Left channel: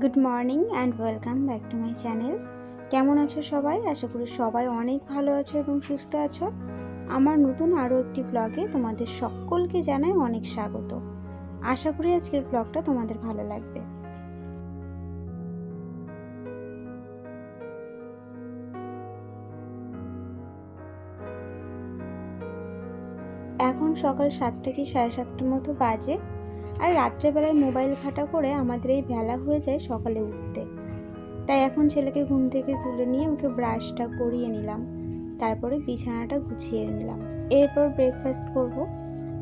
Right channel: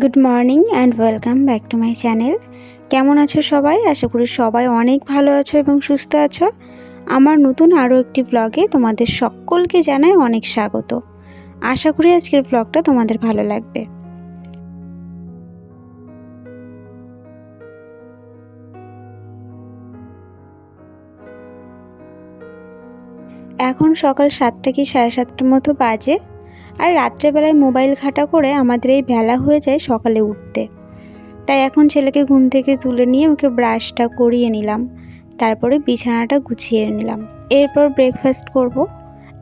Good morning and welcome back to my channel কেমন আছো সবাই? আশা করি সবাই অনেক ভালো আছো এবং সুস্থ আছো। আমার নতুন আরও একটি ব্লগে তোমাদের সকলকে জানাই অনেক স্বাগত। আশা করি আজকের ব্লগটা তোমাদের ভালো লাগবে। এখন সকাল সাতটা কি সাড়ে সাতটার মতো বাজে? আর রাত্রেবেলায় মোবাইল ঘাটা করে আমাদের এই বেলা হয়ে যায় সকালে উঠতে। তাই এখন ছেলেকে ঘুম থেকে তুলে নিয়ে ওকে ব্রাশটা করিয়ে নিলাম। তারপরে বিছানাটা গুছিয়ে নিলাম। এরপর ব্রেকফাস্ট করব।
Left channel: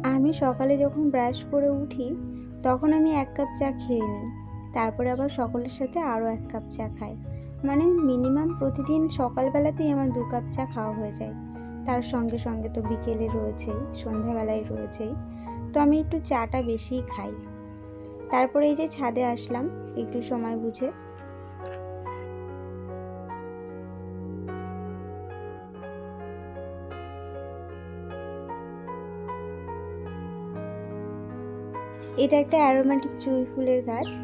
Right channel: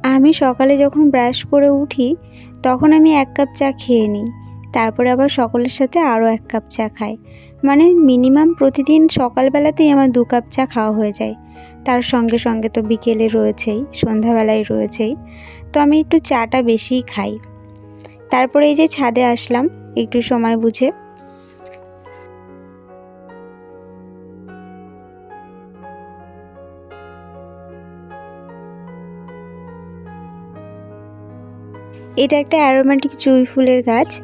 আমি সকালে যখন ব্রাশ করে উঠি, তখন আমি এক কাপ চা খেয়ে নিই। তারপরে আবার সকলের সাথে আরও এক কাপ চা খাই। মানে মিনিমাম প্রতিদিন সকালবেলাতেই আমার দু কাপ চা খাওয়া হয়ে যায়। তার সঙ্গে সঙ্গে তো বিকেলে রয়েছেই, সন্ধ্যাবেলায় রয়েছেই। তো আমি একটু চাটা বেশিই খাই। তারপরে এই যে ছাদে আসলাম, একটু সময় বুঝে। এটা একটা অ্যারোমেটিক জুঁই ফুলের গাছ।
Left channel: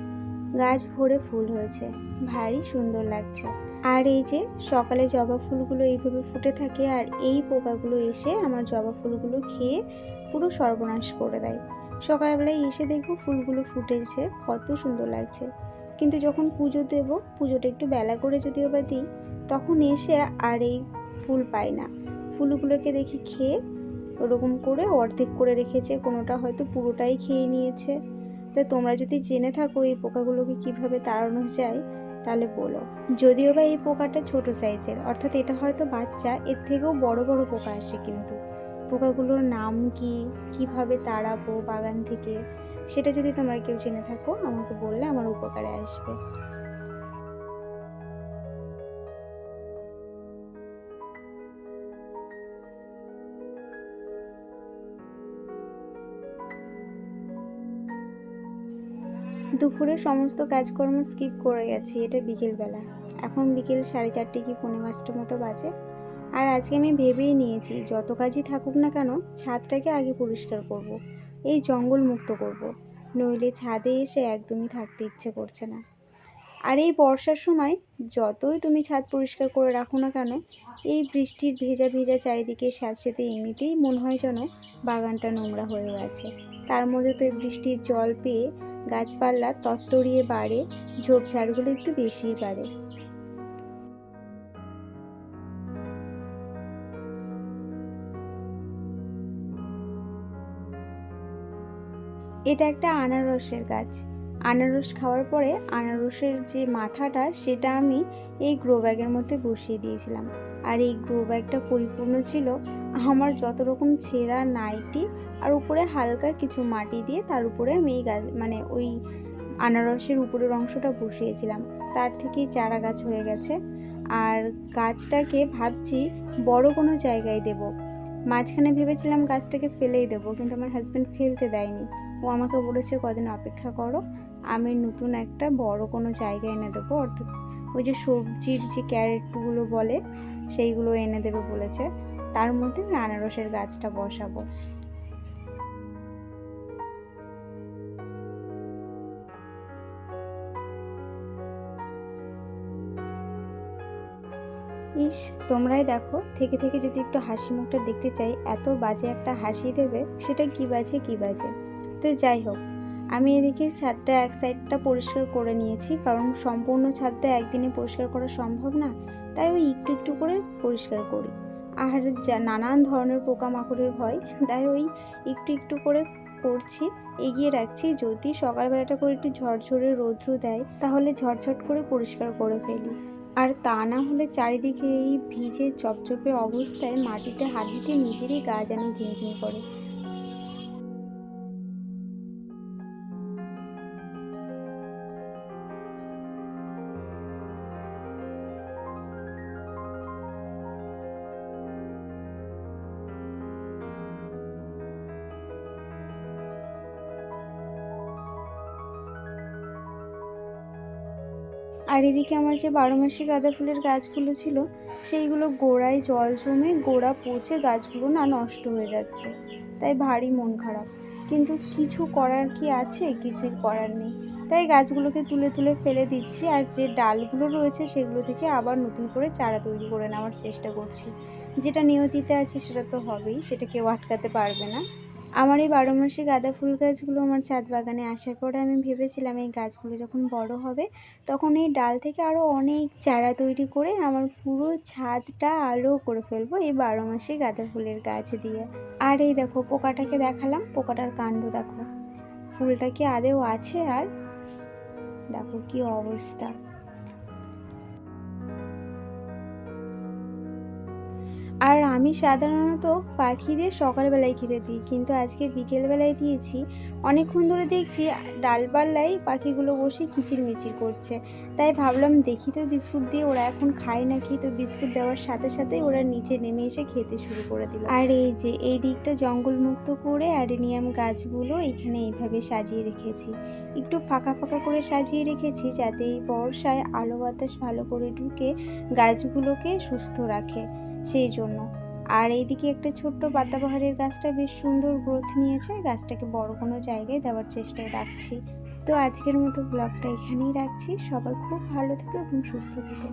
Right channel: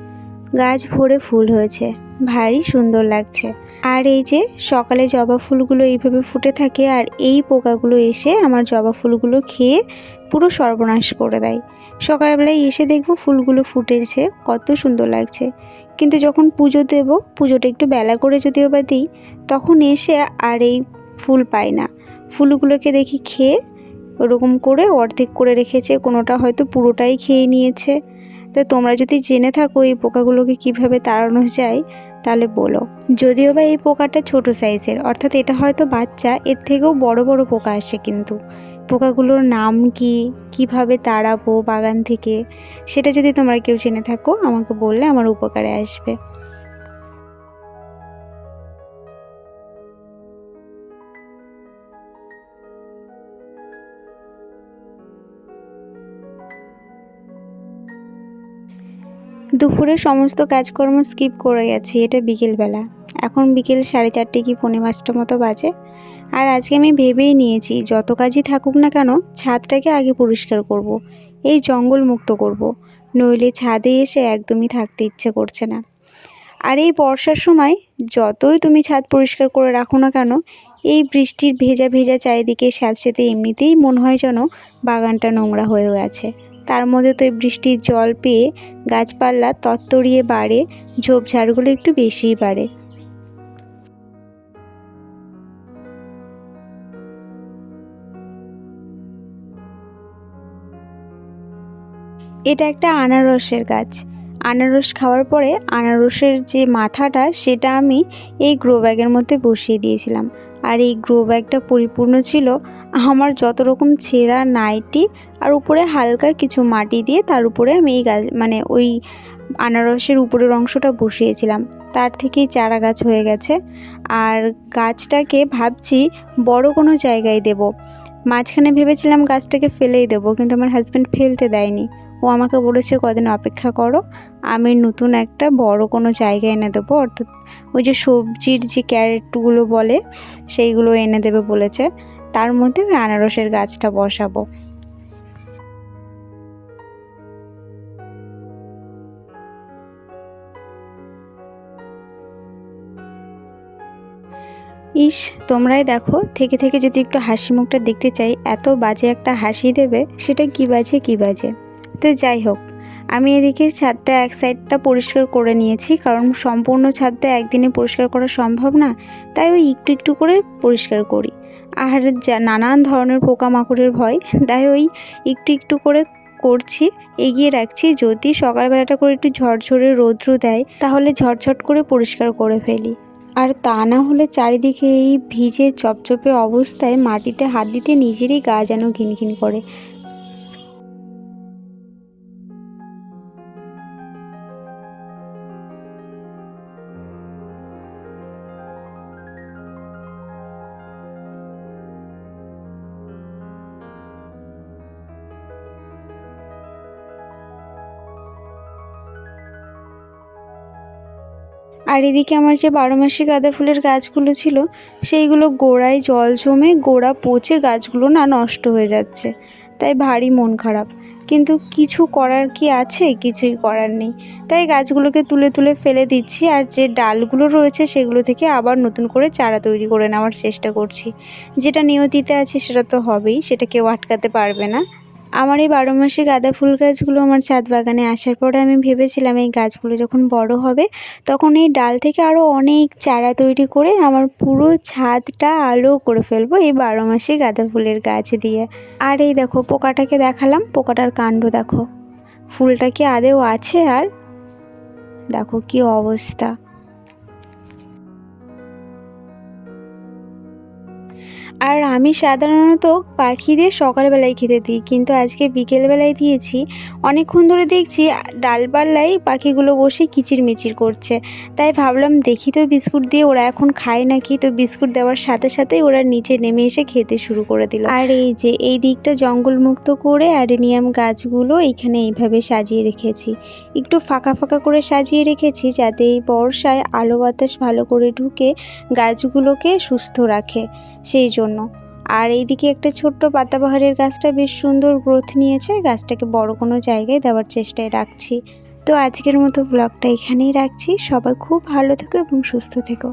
গাছ ভরে ফুল হয়েছে। ভারী সুন্দর লাগছে। আর এই যে সকালে জবা ফুলগুলো এইভাবে ফুটে থাকে আর এই পোকাগুলো এসে আমার জবা ফুলগুলো খেয়ে পুরো সর্বনাশ করে দেয়। সকালবেলায় এসে দেখব ফুলগুলো ফুটেছে, কত সুন্দর লাগছে। কিন্তু যখন পুজো দেব, পুজোটা একটু বেলা করে যদিও বা দিই, তখন এসে আর এই ফুল পাই না। ফুলগুলোকে দেখি খেয়ে ওরকম করে অর্ধেক করে রেখেছে, কোনোটা হয়তো পুরোটাই খেয়ে নিয়েছে। তো তোমরা যদি জেনে থাকো এই পোকাগুলোকে কীভাবে তাড়ানো যায়, তাহলে বলো। যদিও বা এই পোকাটা ছোট সাইজের, অর্থাৎ এটা হয়তো বাচ্চা, এর থেকেও বড় বড় পোকা আসে কিন্তু। পোকাগুলোর নাম কি, কীভাবে তাড়াবো বাগান থেকে, সেটা যদি তোমরা কেউ জেনে থাকো, আমাকে বললে আমার উপকারে আসবে। দুপুরে সমস্ত কাজকর্ম স্কিপ করে গেছি, এটা বিকেলবেলা এখন বিকেল সাড়ে চারটে কি পৌনে পাঁচটা মতো বাজে আর আজকে আমি ভেবেই নিয়েছি, যত কাজই থাকুক না কেন, ছাদটাকে আগে পরিষ্কার করব। এই জঙ্গল মুক্ত করব। নইলে ছাদে এসে একদমই থাকতে ইচ্ছে করছে না আর এই বর্ষার সময়, যতই তুমি ছাদ পরিষ্কার করে রাখো না কেন, এই বৃষ্টির ভেজা ভেজা চারিদিকে স্যাঁতসেতে এমনিতেই মনে হয় যেন বাগানটা নোংরা হয়ে গেছে তার মধ্যে তো এই বৃষ্টির জল পেয়ে গাছপালা তত্তরিয়ে বাড়ে, ঝোপঝাড়গুলো একটু বেশিই বাড়ে। এটা একটা আনারসের গাছ। আনারস খাওয়ার পরে আনারসের যে মাথাটা, সেটা আমি এই গ্রো ব্যাগের মধ্যে বসিয়ে দিয়েছিলাম। আর এই গ্রো ব্যাগটা পরিপূর্ণ ছিল আমার যত রকম ছেঁড়া নাইটি আর উপরে হালকা কিছু মাটি দিয়ে তার উপরে আমি এই গাছ মানে ওই আনারসের উপরের অংশটা বসিয়েছিলাম। তার থেকেই চারা গাছ হয়ে গেছে। আর গাছটাকে ভাবছি বড় কোনো জায়গায় দেব। মাঝখানে ভেবেছিলাম গাছটাকে ফেলেই দেবো, কিন্তু আমার হাজব্যান্ড ফেলতে দেয়নি। ও আমাকে বলেছে, কদিন অপেক্ষা করো, আমি নতুন একটা বড় কোনো জায়গায় এনে দেবো। অর্থাৎ ওই যে সবজির যে ক্যারেটগুলো বলে, সেইগুলো এনে দেবে বলেছে। তার মধ্যে আমি আনারসের গাছটা বসাবো। ইস, তোমরাই দেখো, থেকে থেকে যদি একটু হাসি মুখটা দেখতে চাই, এত বাজে একটা হাসি দেবে, সেটা কি বাজে কি বাজে? তো যাই হোক, আমি এদিকে ছাদটা এক সাইডটা পরিষ্কার করে নিয়েছি, কারণ সম্পূর্ণ ছাদটা একদিনে পরিষ্কার করা সম্ভব না, তাই ওই একটু একটু করে পরিষ্কার করি। আর যা, নানান ধরনের পোকামাকড়ের ভয়। তাই ওই একটু একটু করে করছি, এগিয়ে রাখছি। যদি সকালবেলাটা করে একটু ঝরঝরে রৌদ্র দেয়, তাহলে ঝটঝট করে পরিষ্কার করে ফেলি। আর তা না হলে চারিদিকে এই ভিজে চপচপে অবস্থায় মাটিতে হাত দিতে নিজেরই গা যেন ঘিনঘিন করে। আর এদিকে আমার যে বারো মাসি গাঁদা ফুলের গাছগুলো ছিল, সেইগুলো গোড়ায় জল জমে গোড়া পচে গাছগুলো না নষ্ট হয়ে যাচ্ছে। তাই ভারী মন খারাপ। কিন্তু কিছু করার কি আছে? কিছুই করার নেই। তাই গাছগুলোকে তুলে তুলে ফেলে দিচ্ছি আর যে ডালগুলো রয়েছে সেগুলো থেকে আবার নতুন করে চারা তৈরি করে নেওয়ার চেষ্টা করছি। যেটা নিয়তিতে আছে সেটা তো হবেই, সেটা কেউ আটকাতে পারবে না। আমার এই বারো মাসে গাঁদা ফুল গাছগুলো আমার ছাদ বাগানে আসার পরে আমি ভেবেছিলাম এই গাছগুলো যখন বড় হবে, তখন এই ডাল থেকে আরও অনেক চারা তৈরি করে আমার পুরো ছাদটা আলো করে ফেলব এই বারো মাসে গাঁদা ফুলের গাছ দিয়ে। আর এই দেখো, পোকাটাকে দেখালাম, পোকাটার কাণ্ড দেখো। ফুলটা কি আদেও আছে আর? দেখো কি অবস্থা। আমি সাধারণত পাখিদের সকালবেলায় খেতে দিই, কিন্তু আজকে বিকেলবেলায় দিয়েছি। অনেকক্ষণ ধরে দেখছি ডালপাল্লায় পাখিগুলো বসে কিচিরমিচির করছে। তাই ভাবলাম দেখি তো বিস্কুট দিয়ে ওরা এখন খায় নাকি? তো বিস্কুট দেওয়ার সাথে সাথেই ওরা নিচে নেমে এসে খেতে শুরু করে দিল। আর এই যে, এই দিকটা জঙ্গলমুক্ত করে অ্যাডেনিয়াম গাছগুলো এখানে এইভাবে সাজিয়ে রেখেছি। একটু ফাঁকা ফাঁকা করে সাজিয়ে রেখেছি যাতে এই বর্ষায় আলো বাতাস ভালো করে ঢুকে গাছগুলোকে সুস্থ রাখে। সেই জন্য। আর এইদিকে একটা ছোট্ট পাতাবাহারের গাছটা বেশ সুন্দর গ্রোথ নিয়েছে। গাছটাকে বড় কোনো জায়গায় দেওয়ার চেষ্টায় রাখছি। তো আজকের মতো ব্লগটা এখানেই রাখছি। সবাই খুব ভালো থেকো এবং সুস্থ থেকো।